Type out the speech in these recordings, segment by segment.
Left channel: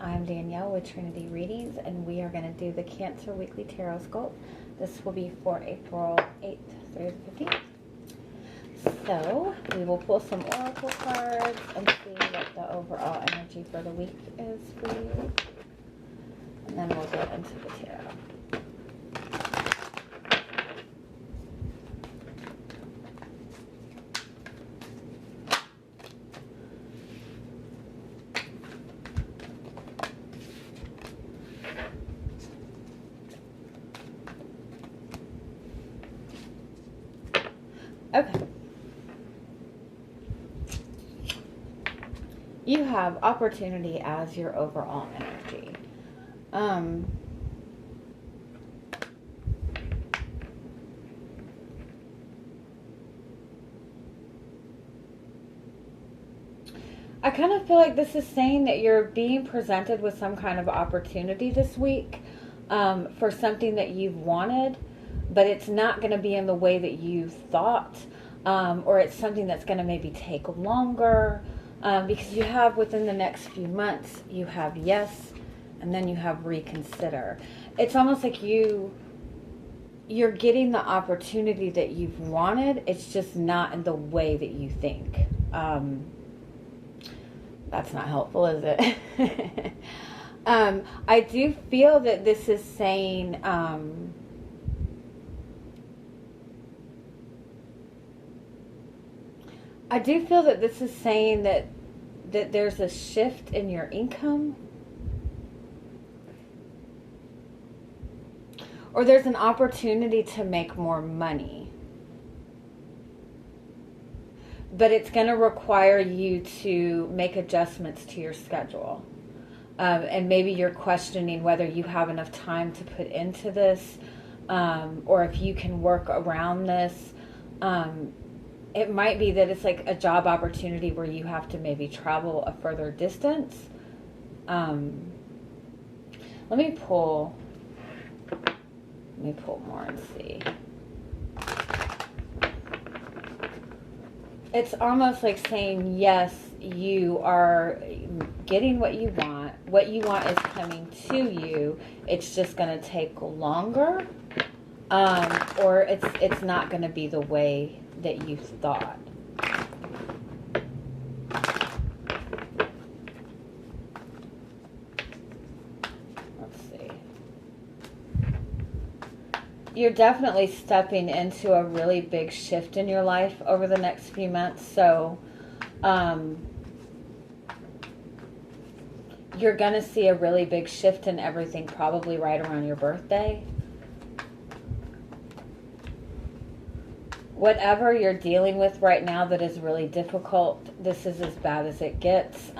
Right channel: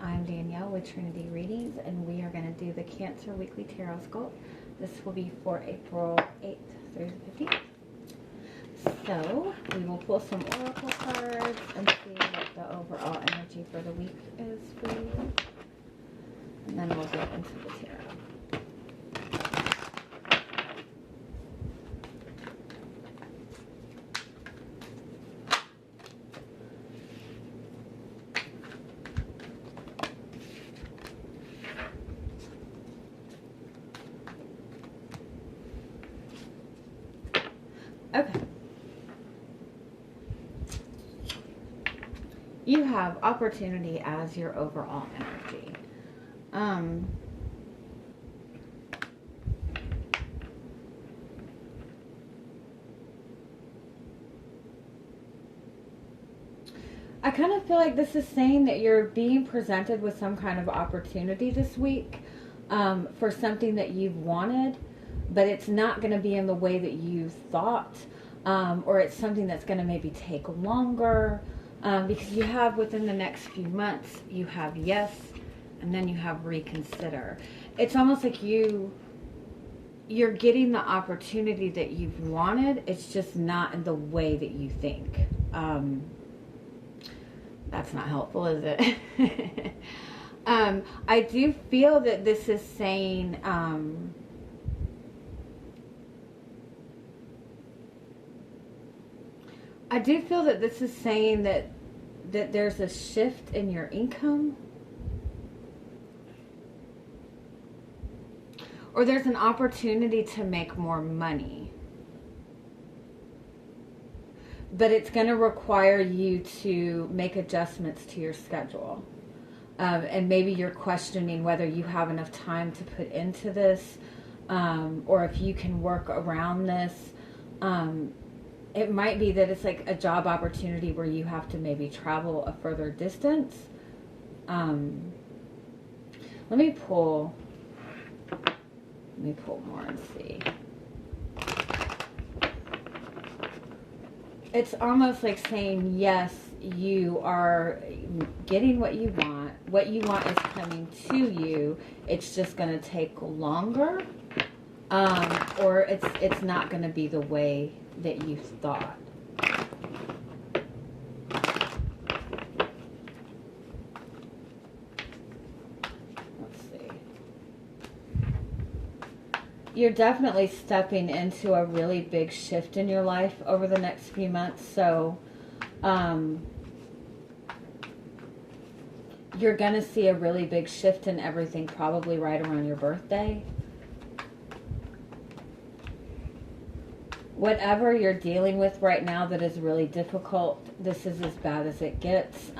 I'm Danielle with Trinity Readings, and we are going to do the Cancer Weekly Tarotscope. This will be for April 8th through the 15th. So, we will pull some oracle cards and see what the overall energy for the week is for you. And then we'll get into the tarot. Okay. You have opportunity as your overall energy. I kind of feel like this is saying that you're being presented with some kind of opportunity this week for something that you've wanted, but it's not going to be in the way that you thought, or it's something that's going to maybe take longer, because you have within the next few months, you have yes, and then you have reconsider. It's almost like you're getting the opportunity that you've wanted. It's just not in the way that you think. That's not helpful, is it? I do feel that this is saying, that there's a shift in your income, or there's an opportunity to make more money, but it's going to require you to make adjustments to your schedule, and maybe you're questioning whether you have enough time to put into this, or if you can work around this. It might be that it's like a job opportunity where you have to maybe travel a further distance. Let me pull more and see. It's almost like saying, yes, you are getting what you want. What you want is coming to you. It's just going to take longer, or it's not going to be the way that you thought. Let's see. You're definitely stepping into a really big shift in your life over the next few months. So, you're going to see a really big shift in everything probably right around your birthday. Whatever you're dealing with right now that is really difficult, this is as bad as it gets.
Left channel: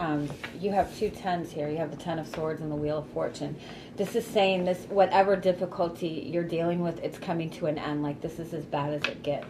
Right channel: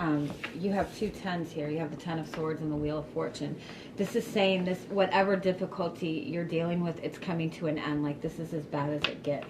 You have 2 10s here. You have the 10 of Swords and the Wheel of Fortune. This is saying this, whatever difficulty you're dealing with, it's coming to an end. Like, this is as bad as it gets.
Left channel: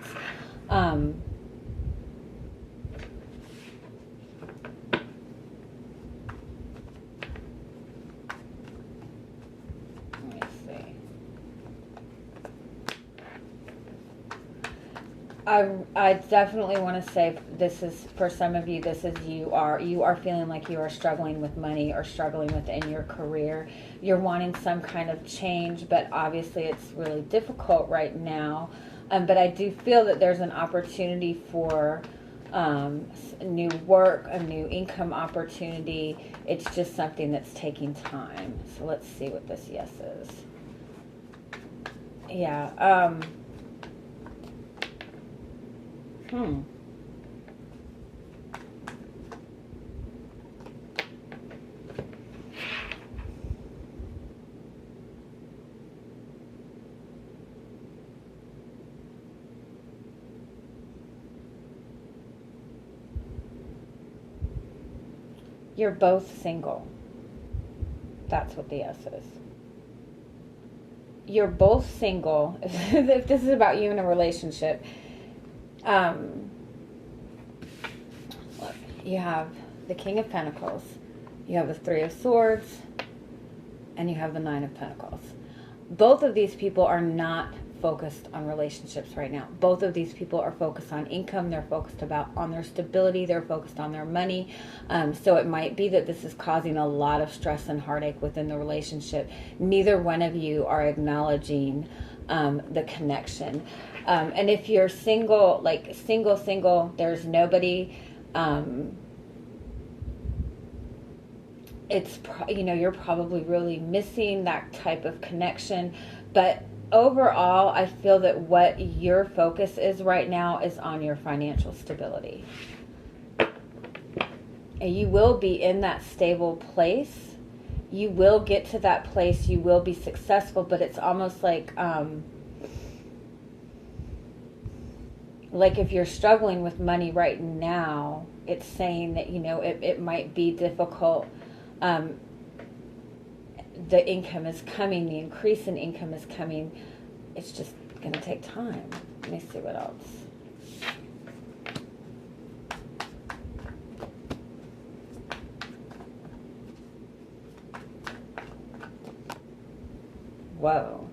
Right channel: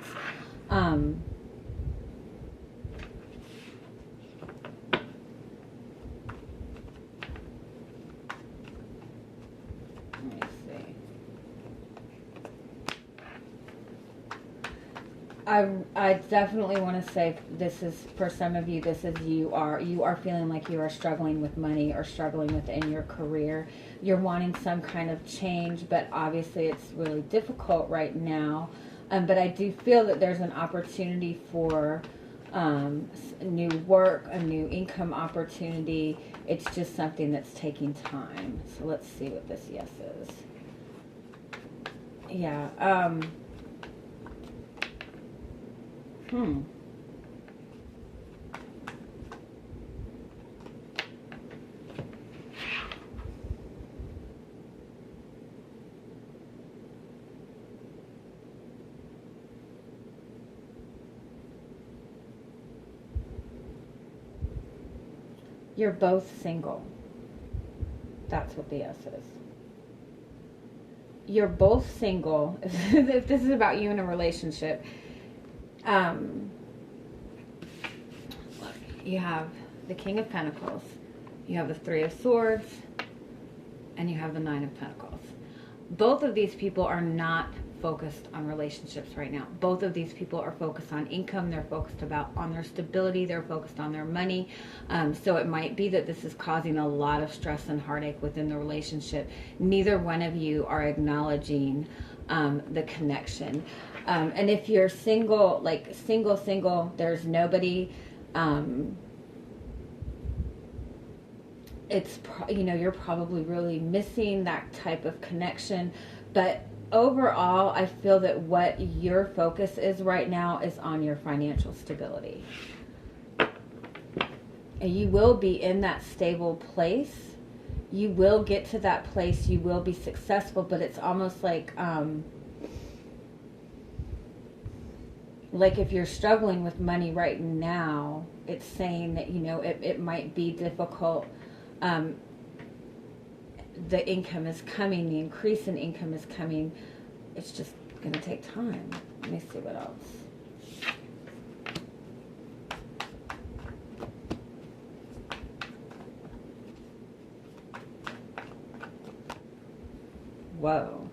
I definitely want to say this is, for some of you, this is you are feeling like you are struggling with money or struggling within your career. You're wanting some kind of change, but obviously it's really difficult right now. But I do feel that there's an opportunity for new work, a new income opportunity. It's just something that's taking time. So let's see what this yes is. Yeah. You're both single. That's what the yes is. You're both single. If this is about you in a relationship, you have the King of Pentacles, you have the 3 of Swords, and you have the 9 of Pentacles. Both of these people are not focused on relationships right now. Both of these people are focused on income. They're focused on their stability. They're focused on their money. So it might be that this is causing a lot of stress and heartache within the relationship. Neither one of you are acknowledging the connection. And if you're single, like single, there's nobody, you're probably really missing that type of connection. But overall, I feel that what your focus is right now is on your financial stability. And you will be in that stable place. You will get to that place. You will be successful, but it's almost like if you're struggling with money right now, it's saying that, it might be difficult. The income is coming, the increase in income is coming. It's just going to take time. Let me see what else. Whoa.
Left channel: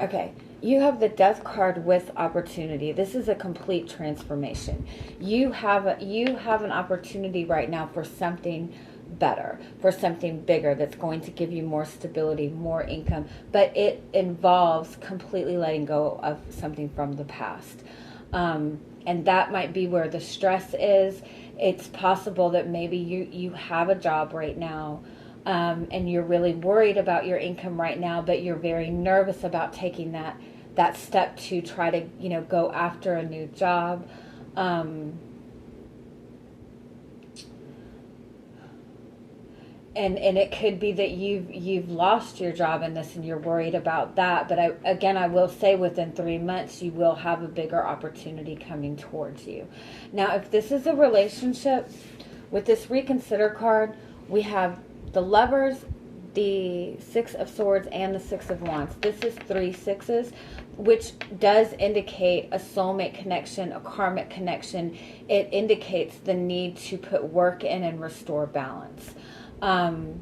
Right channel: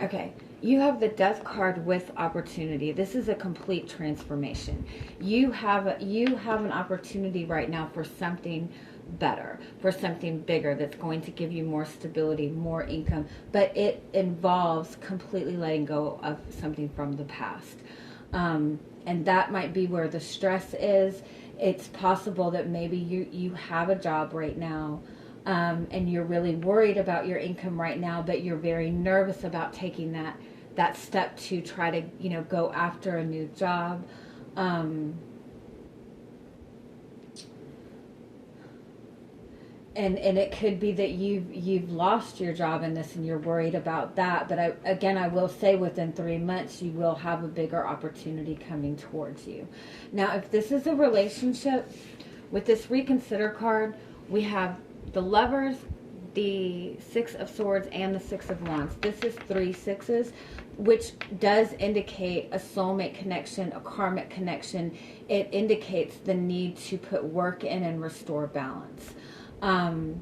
Okay. You have the Death card with opportunity. This is a complete transformation. You have an opportunity right now for something better, for something bigger that's going to give you more stability, more income, but it involves completely letting go of something from the past. And that might be where the stress is. It's possible that maybe you have a job right now, and you're really worried about your income right now, but you're very nervous about taking that step to try to, go after a new job. And it could be that you've lost your job in this and you're worried about that. But I will say within 3 months, you will have a bigger opportunity coming towards you. Now, if this is a relationship, with this Reconsider card, we have the Lovers, the Six of Swords, and the Six of Wands. This is 3 sixes, which does indicate a soulmate connection, a karmic connection. It indicates the need to put work in and restore balance. Oh,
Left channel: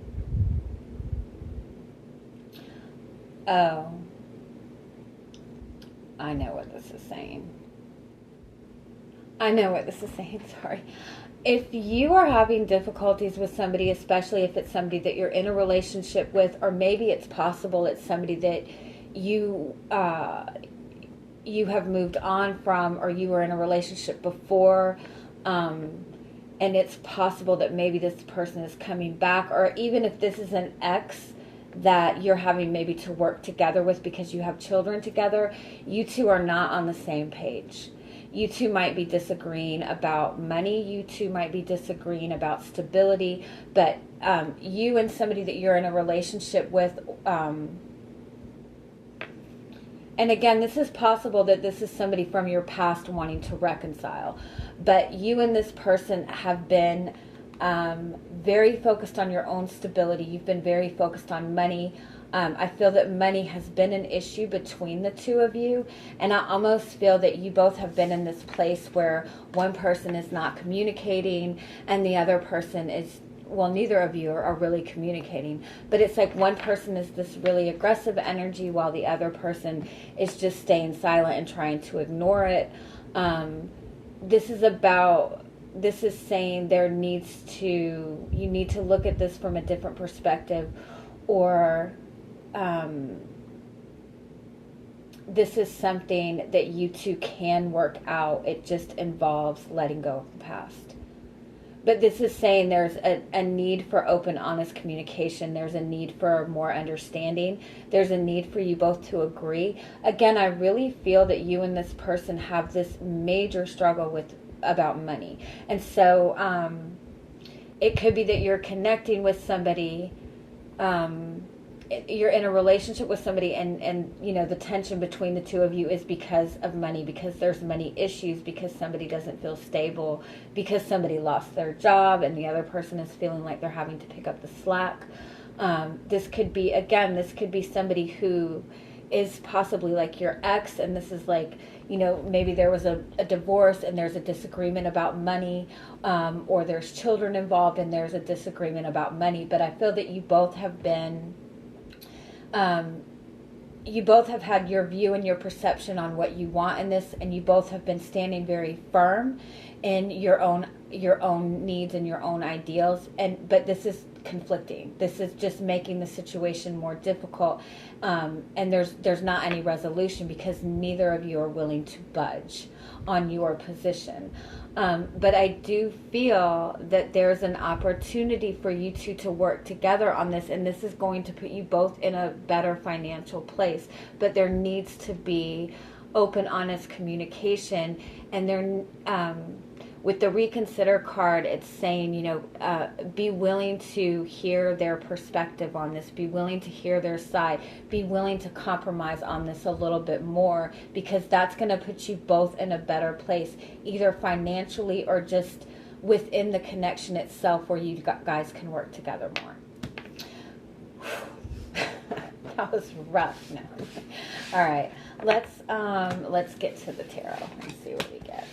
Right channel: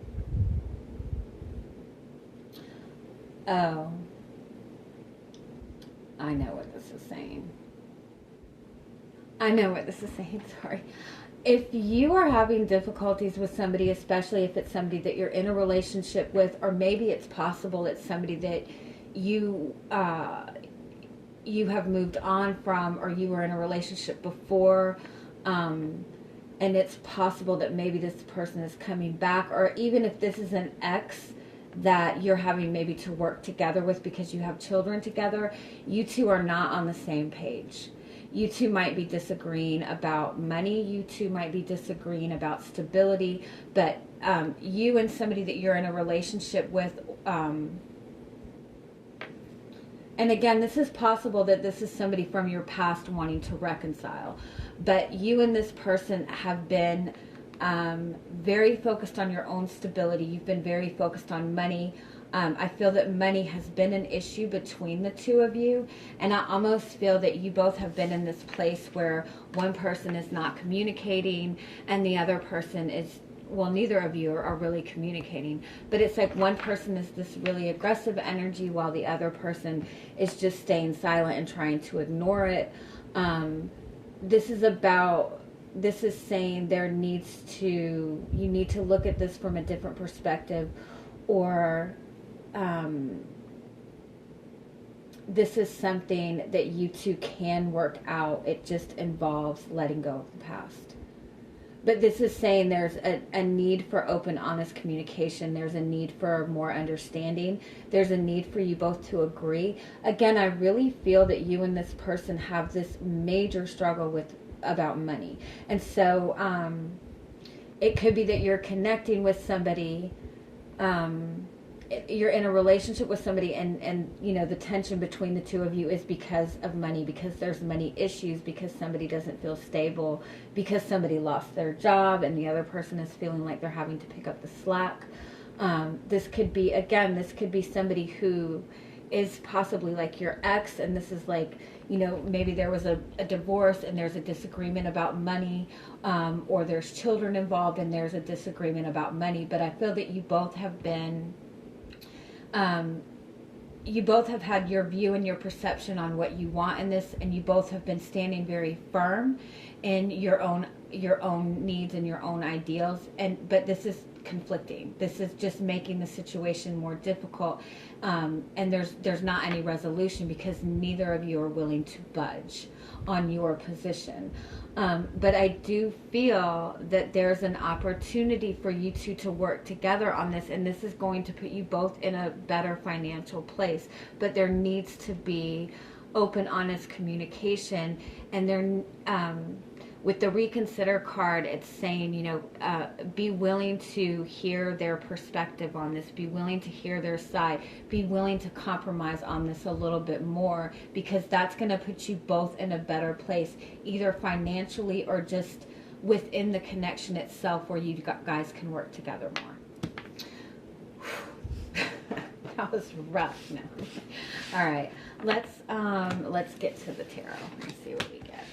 I know what this is saying. Sorry. If you are having difficulties with somebody, especially if it's somebody that you're in a relationship with, or maybe it's possible it's somebody that you have moved on from, or you were in a relationship before, and it's possible that maybe this person is coming back, or even if this is an ex that you're having maybe to work together with because you have children together, you two are not on the same page. You two might be disagreeing about money. You two might be disagreeing about stability. But you and somebody that you're in a relationship with, and again, this is possible that this is somebody from your past wanting to reconcile. But you and this person have been very focused on your own stability. You've been very focused on money. I feel that money has been an issue between the two of you, and I almost feel that you both have been in this place where one person is not communicating and the other person is, well, neither of you are really communicating, but it's like one person is this really aggressive energy while the other person is just staying silent and trying to ignore it. This is saying you need to look at this from a different perspective, or this is something that you two can work out. It just involves letting go of the past. But this is saying there's a need for open, honest communication. There's a need for more understanding. There's a need for you both to agree. Again, I really feel that you and this person have this major struggle about money. And so it could be that you're connecting with somebody, you're in a relationship with somebody, and the tension between the two of you is because of money, because there's money issues, because somebody doesn't feel stable, because somebody lost their job and the other person is feeling like they're having to pick up the slack. This could be somebody who is possibly like your ex, and this is like, maybe there was a divorce and there's a disagreement about money, or there's children involved and there's a disagreement about money. But I feel that you both have been, you both have had your view and your perception on what you want in this, and you both have been standing very firm in your own needs and your own ideals. But this is conflicting. This is just making the situation more difficult. And there's not any resolution because neither of you are willing to budge on your position. But I do feel that there's an opportunity for you two to work together on this, and this is going to put you both in a better financial place. But there needs to be open, honest communication, and there, with the reconsider card, it's saying, be willing to hear their perspective on this, be willing to hear their side, be willing to compromise on this a little bit more, because that's going to put you both in a better place, either financially or just within the connection itself, where you guys can work together more. That was rough. No. All right, let's get to the tarot and see what we get.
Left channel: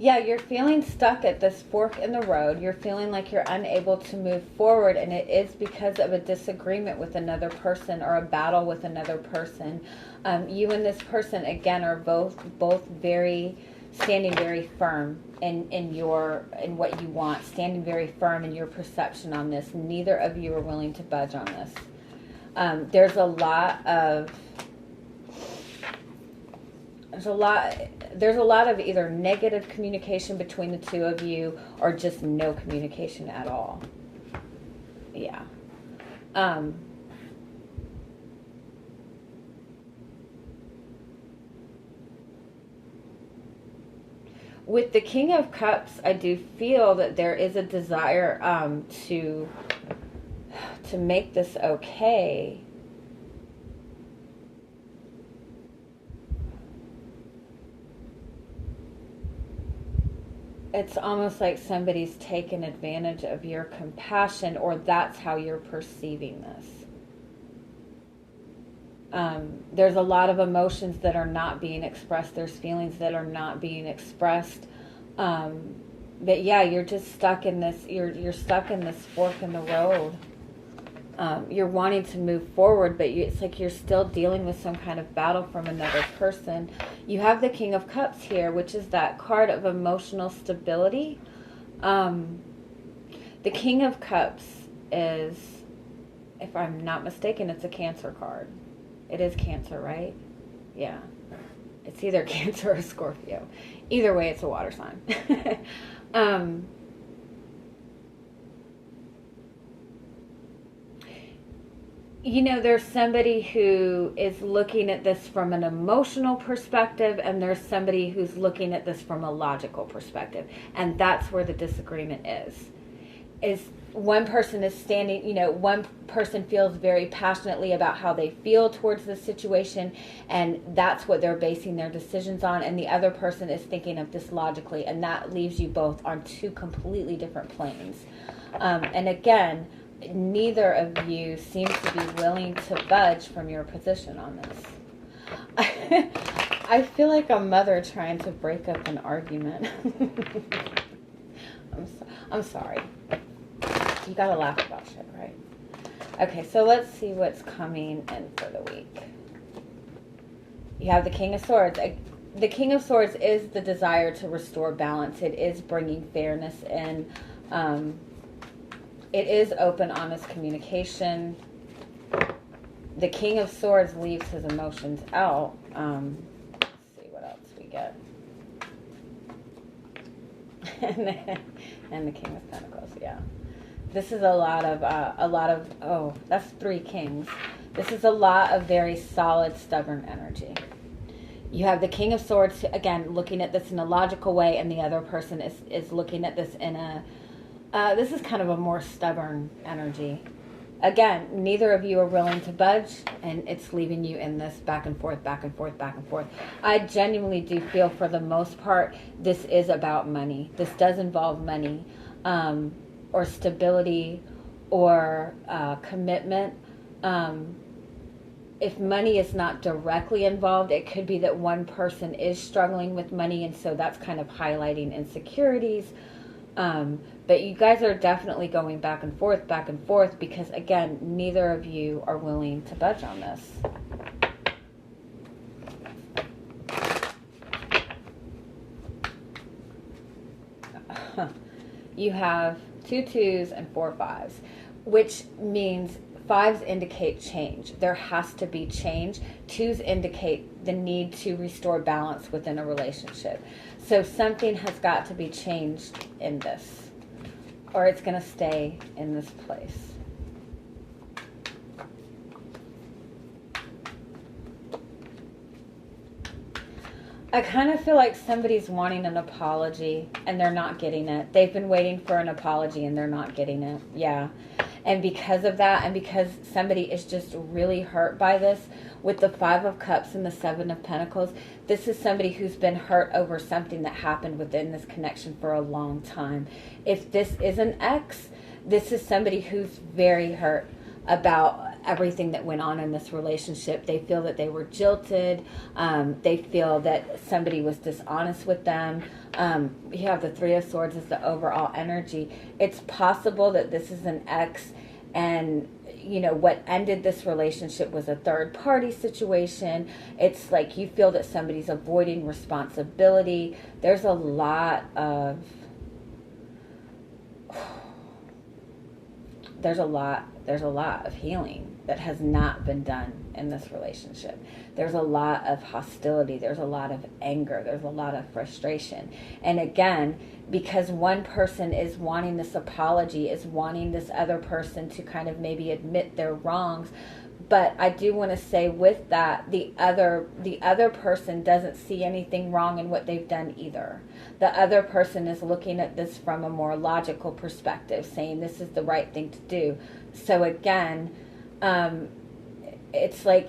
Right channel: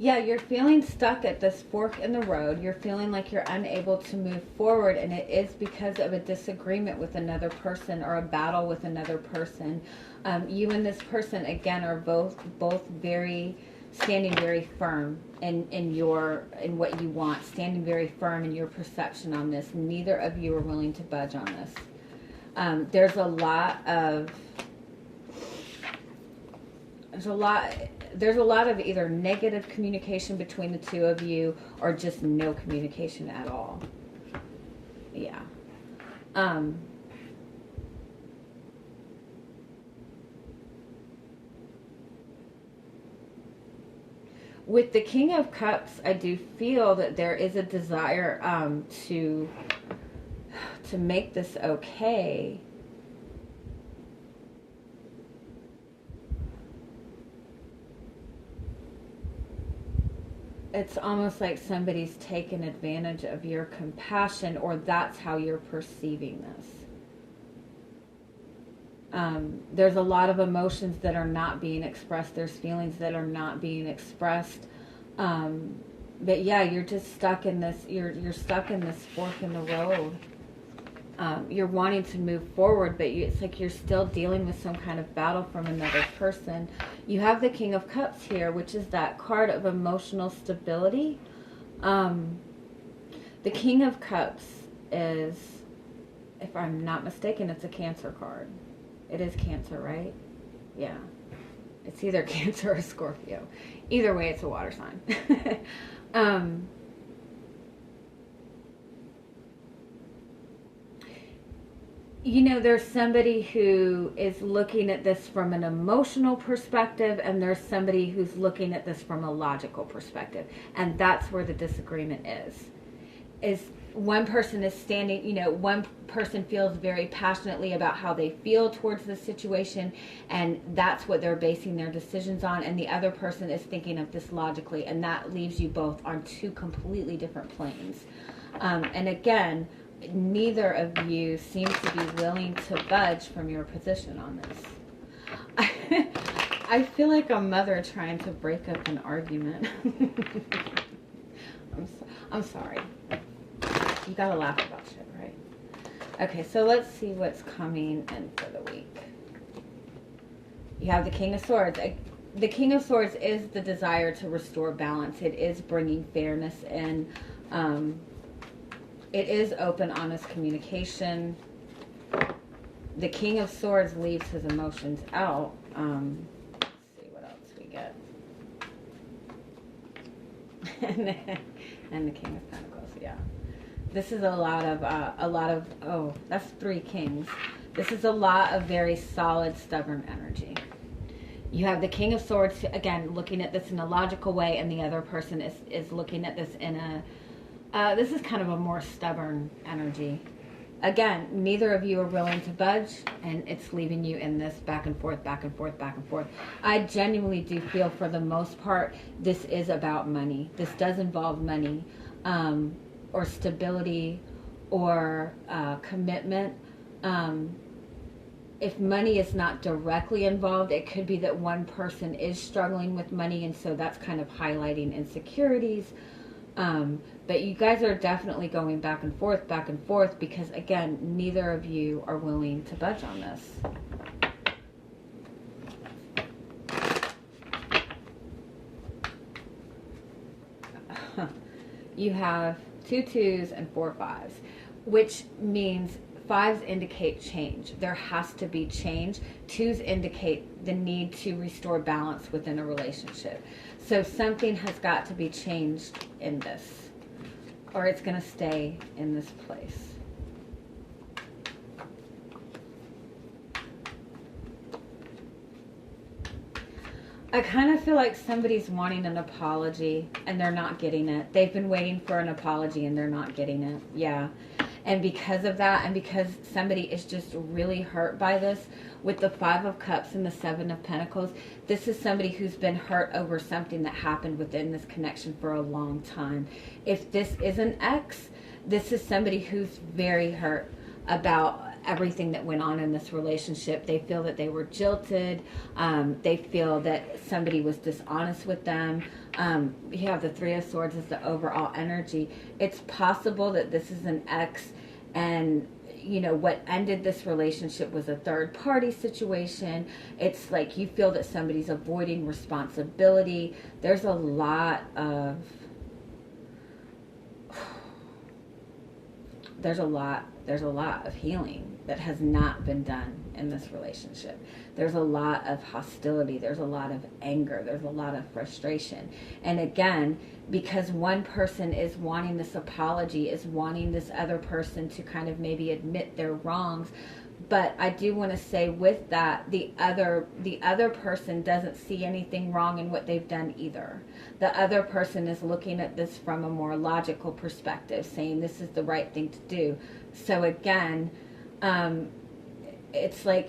Yeah, you're feeling stuck at this fork in the road. You're feeling like you're unable to move forward, and it is because of a disagreement with another person or a battle with another person. You and this person, again, are both standing very firm in what you want, standing very firm in your perception on this. Neither of you are willing to budge on this. There's a lot of either negative communication between the two of you or just no communication at all. Yeah. With the King of Cups, I do feel that there is a desire to make this okay. It's almost like somebody's taken advantage of your compassion, or that's how you're perceiving this. There's a lot of emotions that are not being expressed. There's feelings that are not being expressed. But yeah, you're just stuck in this. You're stuck in this fork in the road. You're wanting to move forward, but it's like you're still dealing with some kind of battle from another person. You have the King of Cups here, which is that card of emotional stability. The King of Cups is, if I'm not mistaken, it's a Cancer card. It is Cancer, right? Yeah. It's either Cancer or Scorpio. Either way, it's a water sign. There's somebody who is looking at this from an emotional perspective, and there's somebody who's looking at this from a logical perspective. And that's where the disagreement is one person is standing, one person feels very passionately about how they feel towards this situation, and that's what they're basing their decisions on, and the other person is thinking of this logically, and that leaves you both on two completely different planes. And again, neither of you seems to be willing to budge from your position on this. I feel like a mother trying to break up an argument. I'm sorry. You gotta laugh about shit, right? Okay, so let's see what's coming in for the week. You have the King of Swords. The King of Swords is the desire to restore balance. It is bringing fairness in. It is open, honest communication. The King of Swords leaves his emotions out. Let's see what else we get. And the King of Pentacles, yeah. This is a lot of, oh, that's 3 kings. This is a lot of very solid, stubborn energy. You have the King of Swords, again, looking at this in a logical way, and the other person is looking at this in a, this is kind of a more stubborn energy. Again, neither of you are willing to budge, and it's leaving you in this back and forth, back and forth, back and forth. I genuinely do feel, for the most part, this is about money. This does involve money, or stability, or commitment. If money is not directly involved, it could be that one person is struggling with money, and so that's kind of highlighting insecurities. But you guys are definitely going back and forth, because, again, neither of you are willing to budge on this. You have 2 2s and 4 5s, which means 5s indicate change. There has to be change. 2s indicate the need to restore balance within a relationship. So something has got to be changed in this, or it's going to stay in this place. I kind of feel like somebody's wanting an apology and they're not getting it. They've been waiting for an apology and they're not getting it. Yeah. And because of that, and because somebody is just really hurt by this, with the 5 of Cups and the 7 of Pentacles, this is somebody who's been hurt over something that happened within this connection for a long time. If this is an ex, this is somebody who's very hurt about everything that went on in this relationship. They feel that they were jilted. They feel that somebody was dishonest with them. You have the 3 of Swords as the overall energy. It's possible that this is an ex, and you know what ended this relationship was a third party situation. It's like you feel that somebody's avoiding responsibility. There's a lot of there's a lot of healing that has not been done in this relationship. There's a lot of hostility. There's a lot of anger. There's a lot of frustration. And again, because one person is wanting this apology, is wanting this other person to kind of maybe admit their wrongs. But I do want to say with that, the other person doesn't see anything wrong in what they've done either. The other person is looking at this from a more logical perspective, saying this is the right thing to do. So again, it's like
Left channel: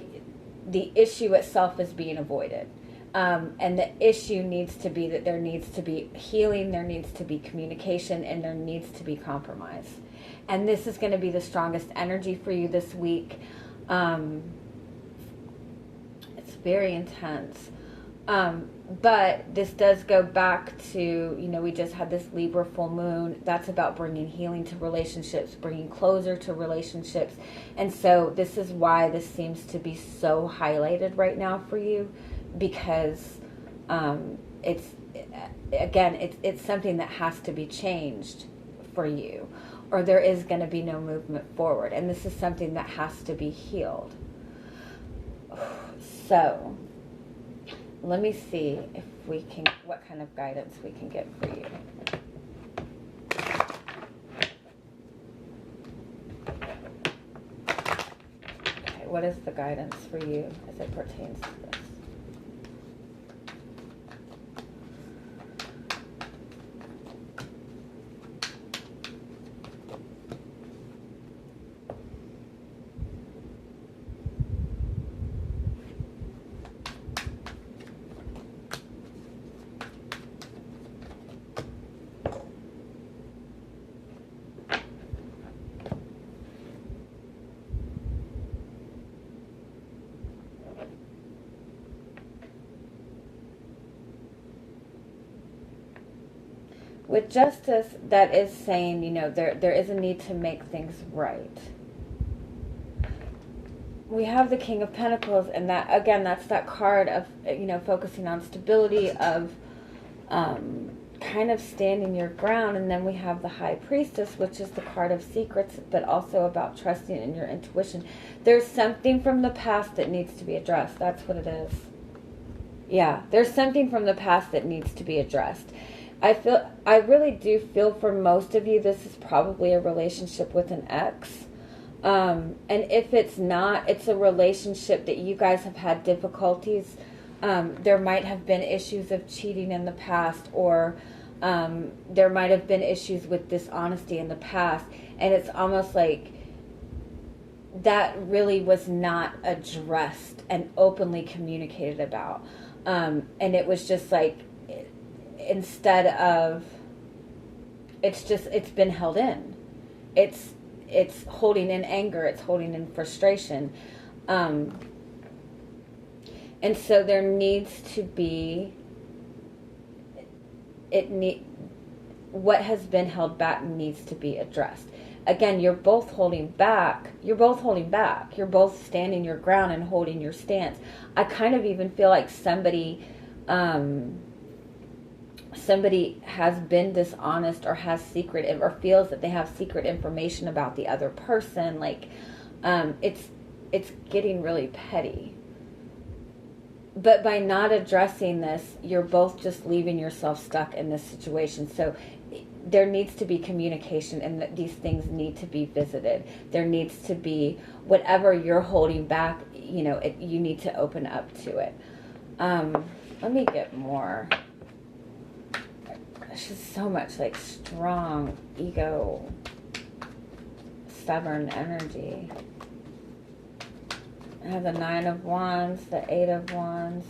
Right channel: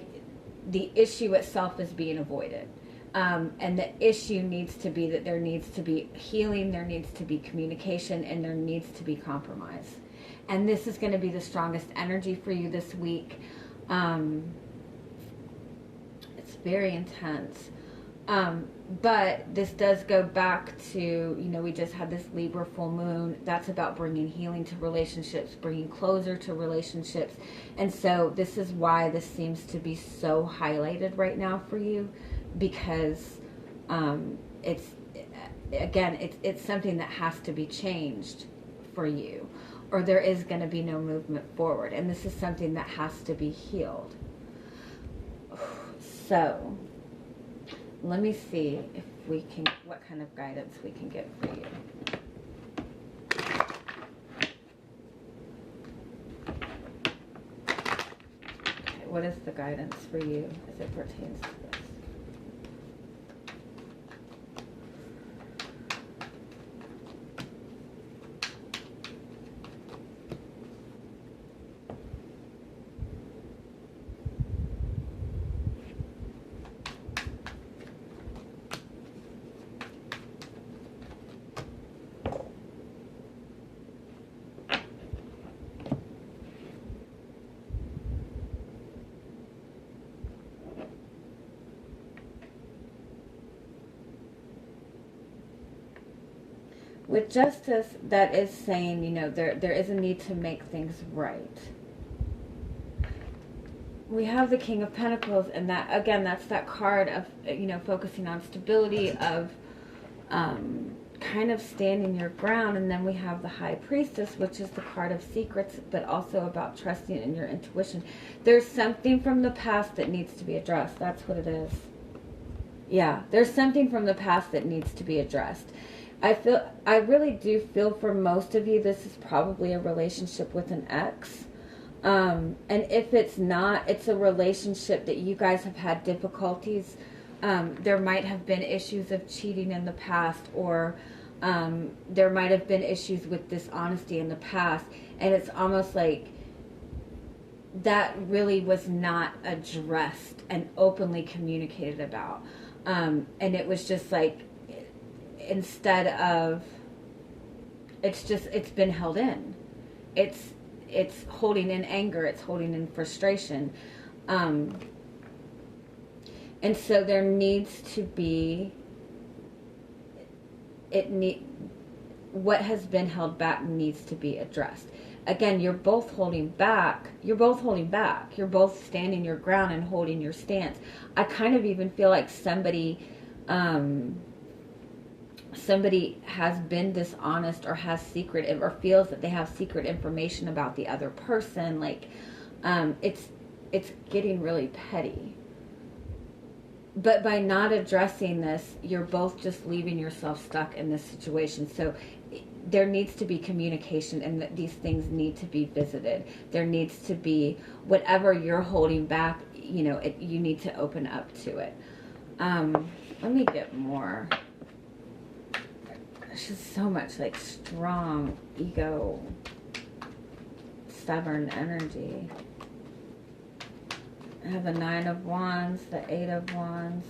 the issue itself is being avoided. And the issue needs to be that there needs to be healing, there needs to be communication, and there needs to be compromise. And this is going to be the strongest energy for you this week. It's very intense. But this does go back to, you know, we just had this Libra full moon. That's about bringing healing to relationships, bringing closure to relationships. And so this is why this seems to be so highlighted right now for you, because it's something that has to be changed for you, or there is going to be no movement forward. And this is something that has to be healed. So let me see if we can, what kind of guidance we can get for you. Okay, what is the guidance for you as it pertains to this? With Justice, that is saying, you know, there is a need to make things right. We have the King of Pentacles, and that, again, that's that card of, you know, focusing on stability, of kind of standing your ground. And then we have the High Priestess, which is the card of secrets, but also about trusting in your intuition. There's something from the past that needs to be addressed. That's what it is. Yeah, there's something from the past that needs to be addressed. I really do feel for most of you, this is probably a relationship with an ex. And if it's not, it's a relationship that you guys have had difficulties There might have been issues of cheating in the past, or there might have been issues with dishonesty in the past, and it's almost like that really was not addressed and openly communicated about. And it was just like, instead of, it's been held in. It's holding in anger. It's holding in frustration. And so there needs to be, what has been held back needs to be addressed. Again, you're both holding back. You're both standing your ground and holding your stance. I kind of even feel like somebody has been dishonest, or has secret, or feels that they have secret information about the other person. Like, it's getting really petty. But by not addressing this, you're both just leaving yourself stuck in this situation. So there needs to be communication, and these things need to be visited. There needs to be, whatever you're holding back, you need to open up to it. Let me get more. There's just so much like strong ego, stubborn energy. I have the 9 of Wands, the 8 of Wands.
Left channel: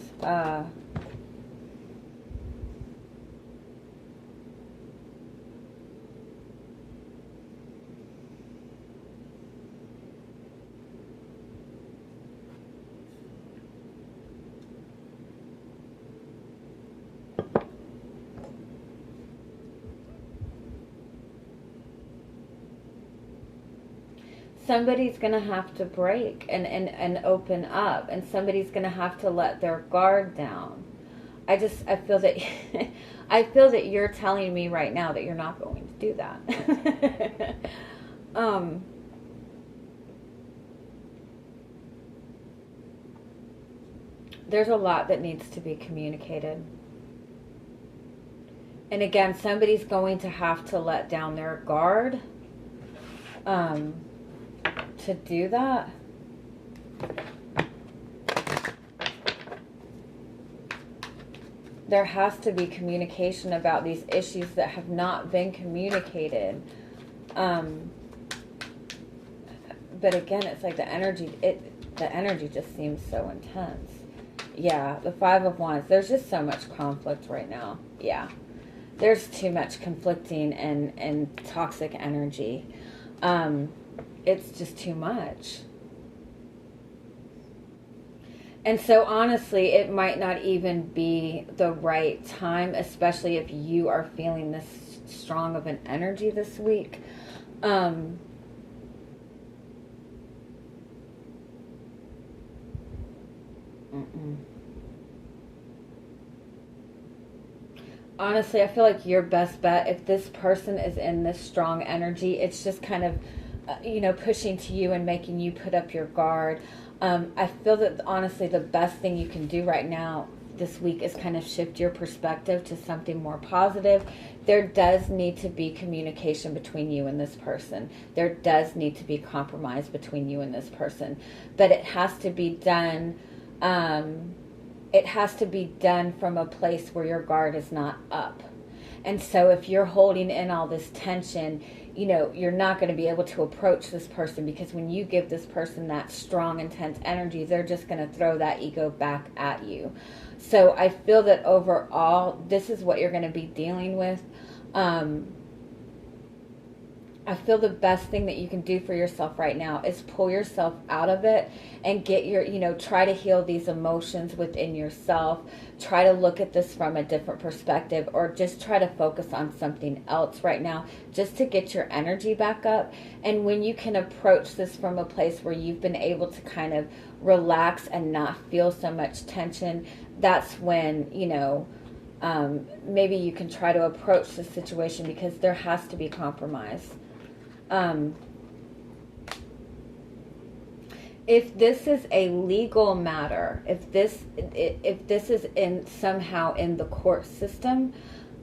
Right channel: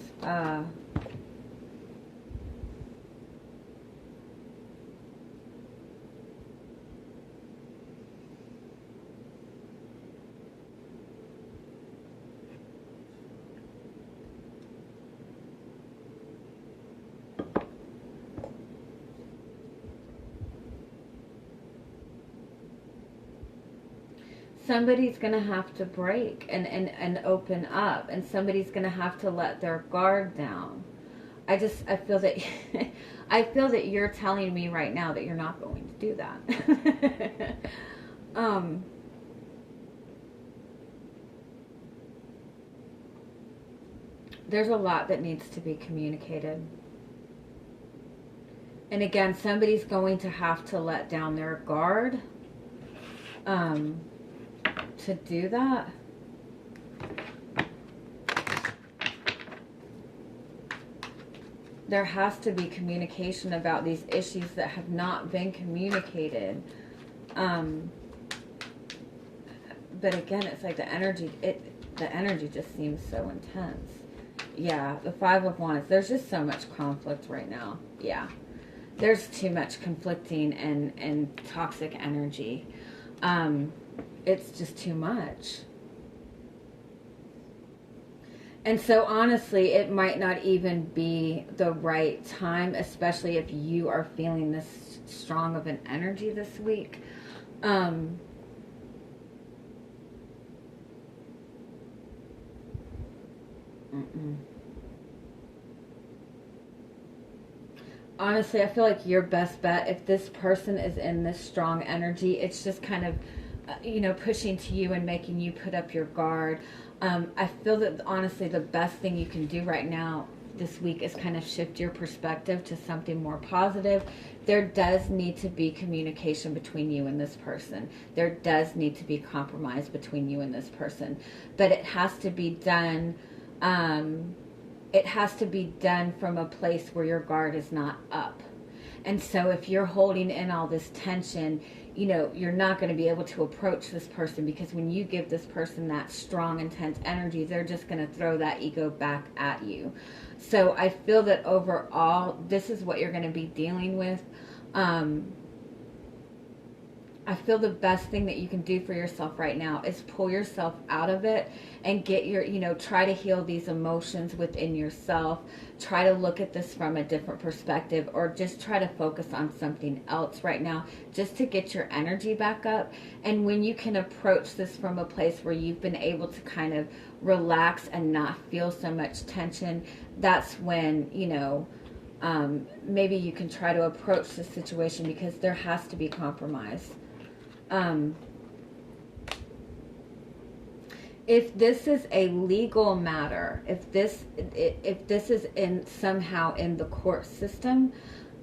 Somebody's going to have to break and open up, and somebody's going to have to let their guard down. I feel that I feel that you're telling me right now that you're not going to do that. There's a lot that needs to be communicated. And again, somebody's going to have to let down their guard to do that. There has to be communication about these issues that have not been communicated. But again, it's like the energy just seems so intense. Yeah, the 5 of Wands. There's just so much conflict right now. Yeah. There's too much conflicting and toxic energy. It's just too much. And so honestly, it might not even be the right time, especially if you are feeling this strong of an energy this week. Honestly, I feel like your best bet, if this person is in this strong energy, it's just kind of, pushing to you and making you put up your guard. I feel that honestly the best thing you can do right now this week is kind of shift your perspective to something more positive. There does need to be communication between you and this person. There does need to be compromise between you and this person. But it has to be done, from a place where your guard is not up. And so if you're holding in all this tension, you're not going to be able to approach this person, because when you give this person that strong, intense energy, they're just going to throw that ego back at you. So I feel that overall, this is what you're going to be dealing with. I feel the best thing that you can do for yourself right now is pull yourself out of it and get try to heal these emotions within yourself. Try to look at this from a different perspective, or just try to focus on something else right now, just to get your energy back up. And when you can approach this from a place where you've been able to kind of relax and not feel so much tension, that's when, maybe you can try to approach the situation, because there has to be compromise. If this is a legal matter, if this is somehow in the court system,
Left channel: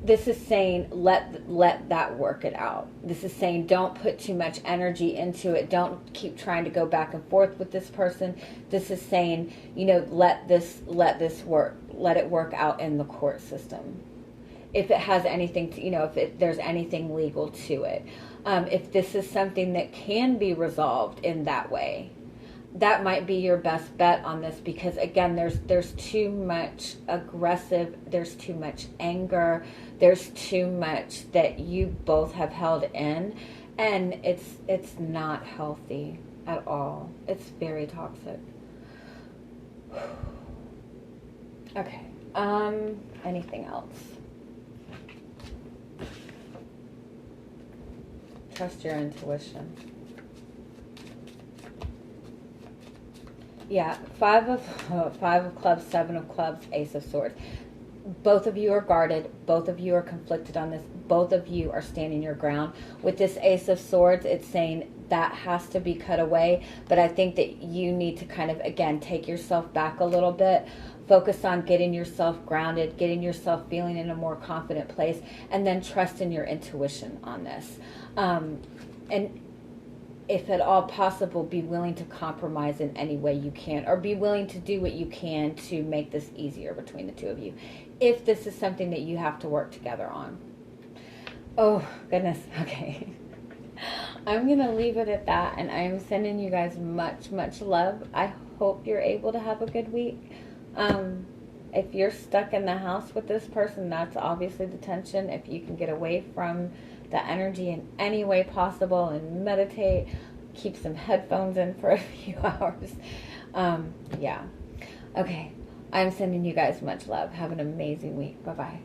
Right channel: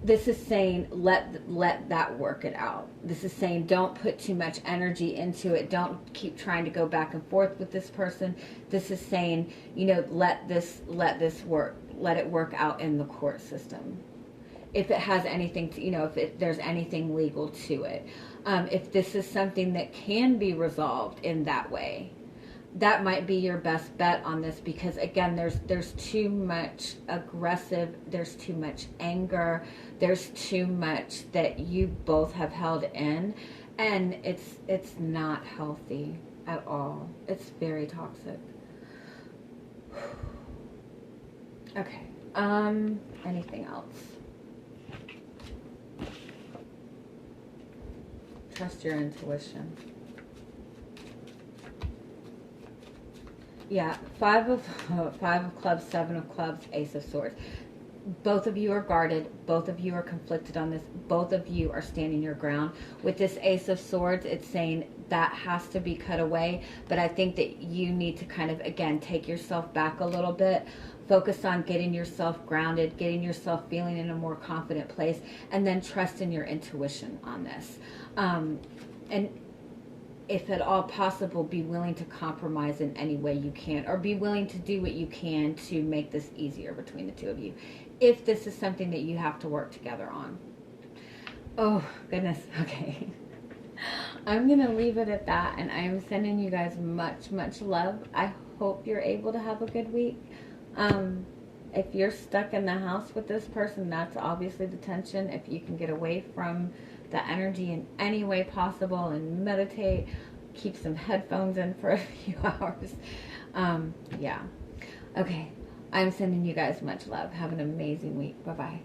this is saying let that work it out. This is saying don't put too much energy into it. Don't keep trying to go back and forth with this person. This is saying, let this work. Let it work out in the court system. If it has anything to, if there's anything legal to it. If this is something that can be resolved in that way, that might be your best bet on this, because again, there's too much aggressive, there's too much anger, there's too much that you both have held in, and it's not healthy at all. It's very toxic. Okay. Anything else? Trust your intuition. Yeah, five of clubs, 7 of clubs, Ace of swords. Both of you are guarded. Both of you are conflicted on this. Both of you are standing your ground. With this Ace of swords, it's saying that has to be cut away. But I think that you need to kind of, again, take yourself back a little bit. Focus on getting yourself grounded, getting yourself feeling in a more confident place, and then trust in your intuition on this. And if at all possible, be willing to compromise in any way you can, or be willing to do what you can to make this easier between the two of you, if this is something that you have to work together on. Oh, goodness. Okay. I'm going to leave it at that, and I'm sending you guys much, much love. I hope you're able to have a good week. If you're stuck in the house with this person, that's obviously the tension. If you can get away from the energy in any way possible and meditate, keep some headphones in for a few hours. Yeah. Okay. I'm sending you guys much love. Have an amazing week. Bye-bye.